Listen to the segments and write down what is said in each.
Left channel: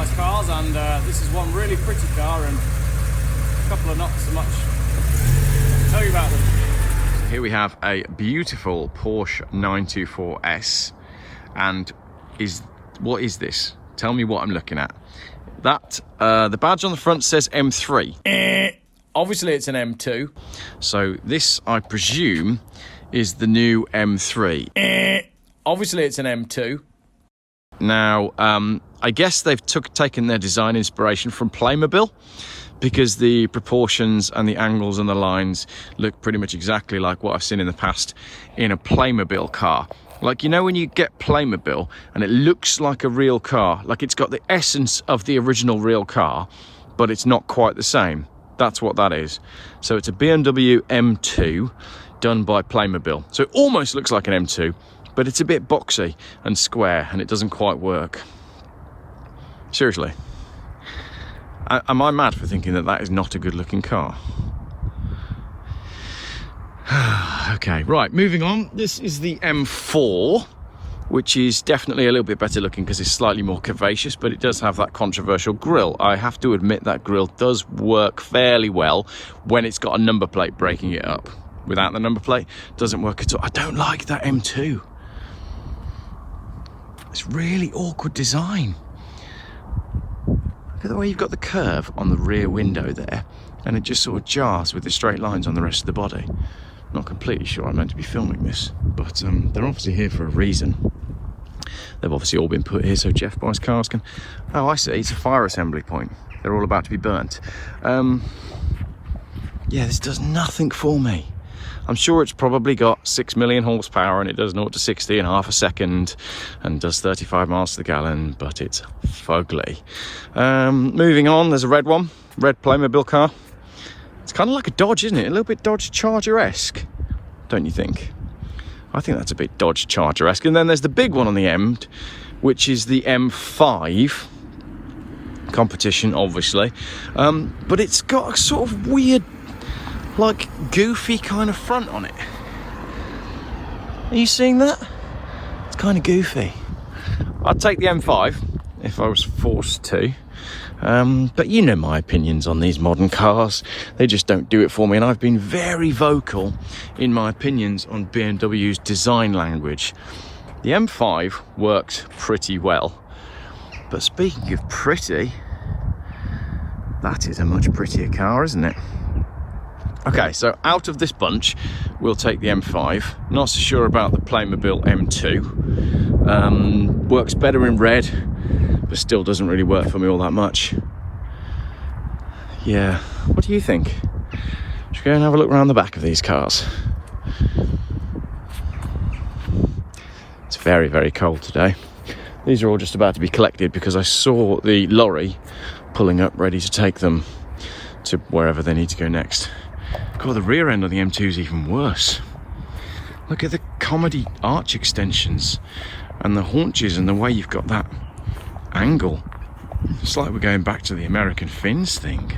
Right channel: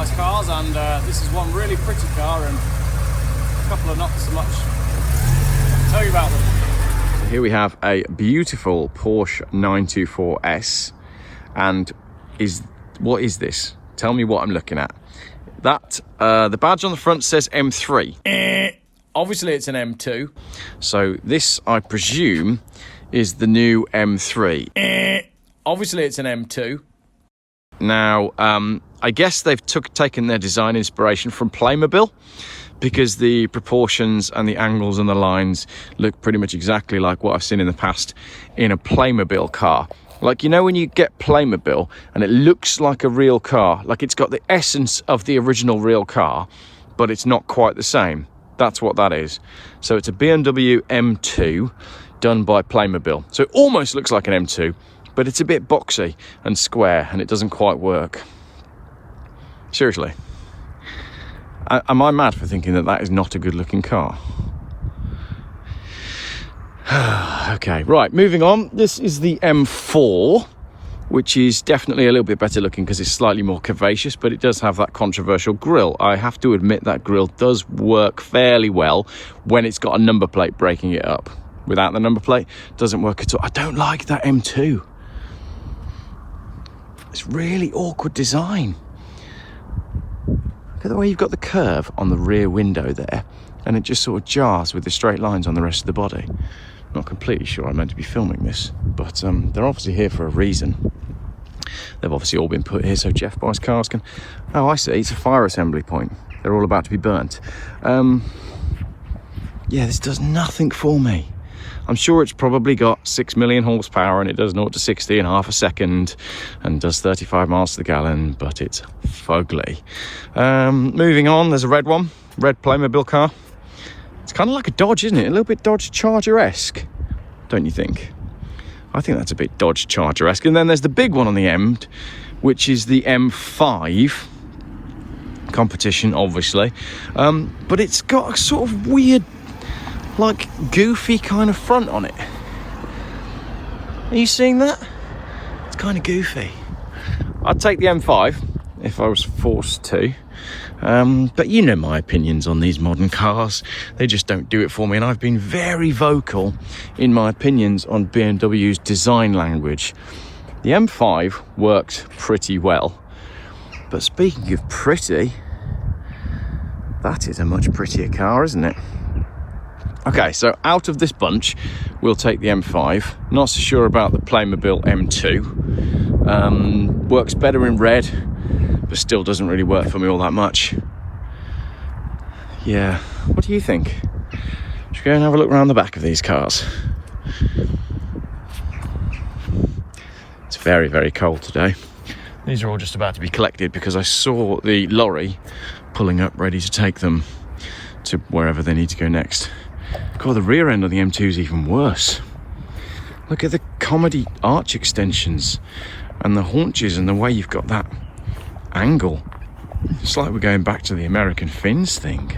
nice cars, and this is one really pretty car and a couple of not so much. I'll tell you about them. Here we have a beautiful Porsche 924S, and what is this? Tell me what I'm looking at. That the badge on the front says M3. Obviously it's an M2. So this, I presume, is the new M3. Obviously it's an M2. Now, I guess they've taken their design inspiration from Playmobil, because the proportions and the angles and the lines look pretty much exactly like what I've seen in the past in a Playmobil car. Like, you know, when you get Playmobil and it looks like a real car, like it's got the essence of the original real car, but it's not quite the same. That's what that is. So it's a BMW M2 done by Playmobil. So it almost looks like an M2, but it's a bit boxy and square and it doesn't quite work. Seriously. Am I mad for thinking that that is not a good looking car? Okay, right, moving on. This is the M4, which is definitely a little bit better looking because it's slightly more curvaceous, but it does have that controversial grille. I have to admit that grille does work fairly well when it's got a number plate breaking it up. Without the number plate, it doesn't work at all. I don't like that M2. It's really awkward design. Look at the way you've got the curve on the rear window there, and it just sort of jars with the straight lines on the rest of the body. Not completely sure I'm meant to be filming this, but they're obviously here for a reason. They've obviously all been put here so Geoff buys cars can... Oh, I see, it's a fire assembly point. They're all about to be burnt. Yeah, this does nothing for me. I'm sure it's probably got 6 million horsepower and it does 0 to 60 in half a second and does 35 miles to the gallon, but it's fugly. Moving on, there's a red one, red Playmobil car. It's kind of like a Dodge, isn't it? A little bit Dodge Charger-esque, don't you think? I think that's a bit Dodge Charger-esque. And then there's the big one on the end, which is the M5 competition, obviously. But it's got a sort of weird, like, goofy kind of front on it. Are you seeing that? It's kind of goofy. I'd take the M5 if I was forced to. But you know my opinions on these modern cars. They just don't do it for me. And I've been very vocal in my opinions on BMW's design language. The M5 works pretty well. But speaking of pretty, that is a much prettier car, isn't it? Okay, so out of this bunch, we'll take the M5. Not so sure about the Playmobil M2. Works better in red, but still doesn't really work for me all that much. Yeah, what do you think? Should we go and have a look around the back of these cars? It's very, very cold today. These are all just about to be collected because I saw the lorry pulling up ready to take them to wherever they need to go next. God, the rear end of the M2 is even worse. Look at the comedy arch extensions and the haunches and the way you've got that angle. It's like we're going back to the American fins thing.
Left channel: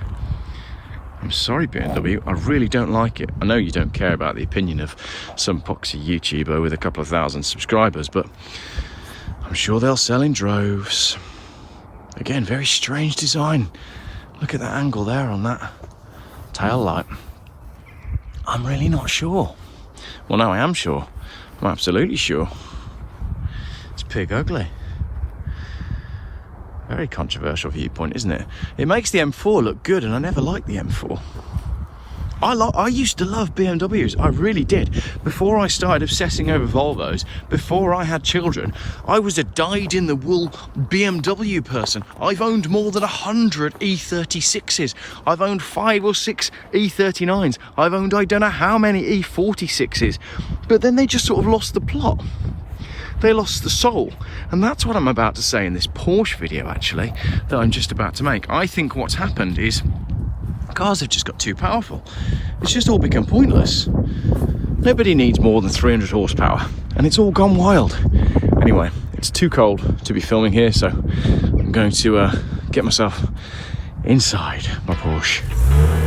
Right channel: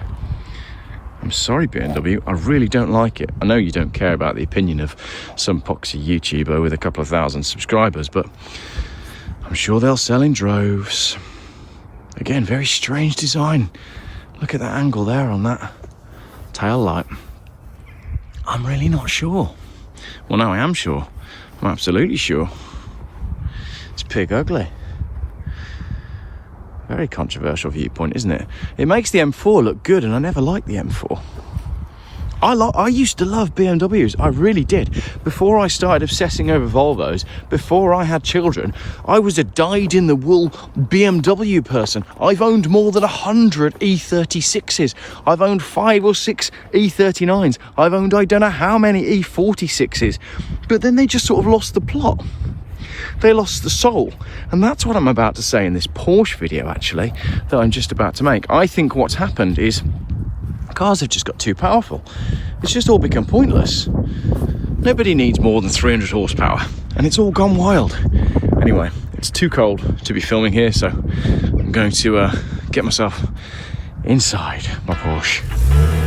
I'm sorry, BMW, I really don't like it. I know you don't care about the opinion of some poxy YouTuber with a couple of thousand subscribers, but I'm sure they'll sell in droves. Again, very strange design. Look at that angle there on that tail light. I'm really not sure. Well, no, I am sure. I'm absolutely sure. It's pig ugly. Very controversial viewpoint, isn't it? It makes the M4 look good, and I never liked the M4. I used to love BMWs, I really did. Before I started obsessing over Volvos, before I had children, I was a dyed-in-the-wool BMW person. I've owned more than 100 E36s. I've owned 5 or 6 E39s. I've owned I don't know how many E46s. But then they just sort of lost the plot. They lost the soul. And that's what I'm about to say in this Porsche video, actually, that I'm just about to make. I think what's happened is cars have just got too powerful. It's just all become pointless. Nobody needs more than 300 horsepower, and it's all gone wild. Anyway, it's too cold to be filming here, so I'm going to get myself inside my Porsche.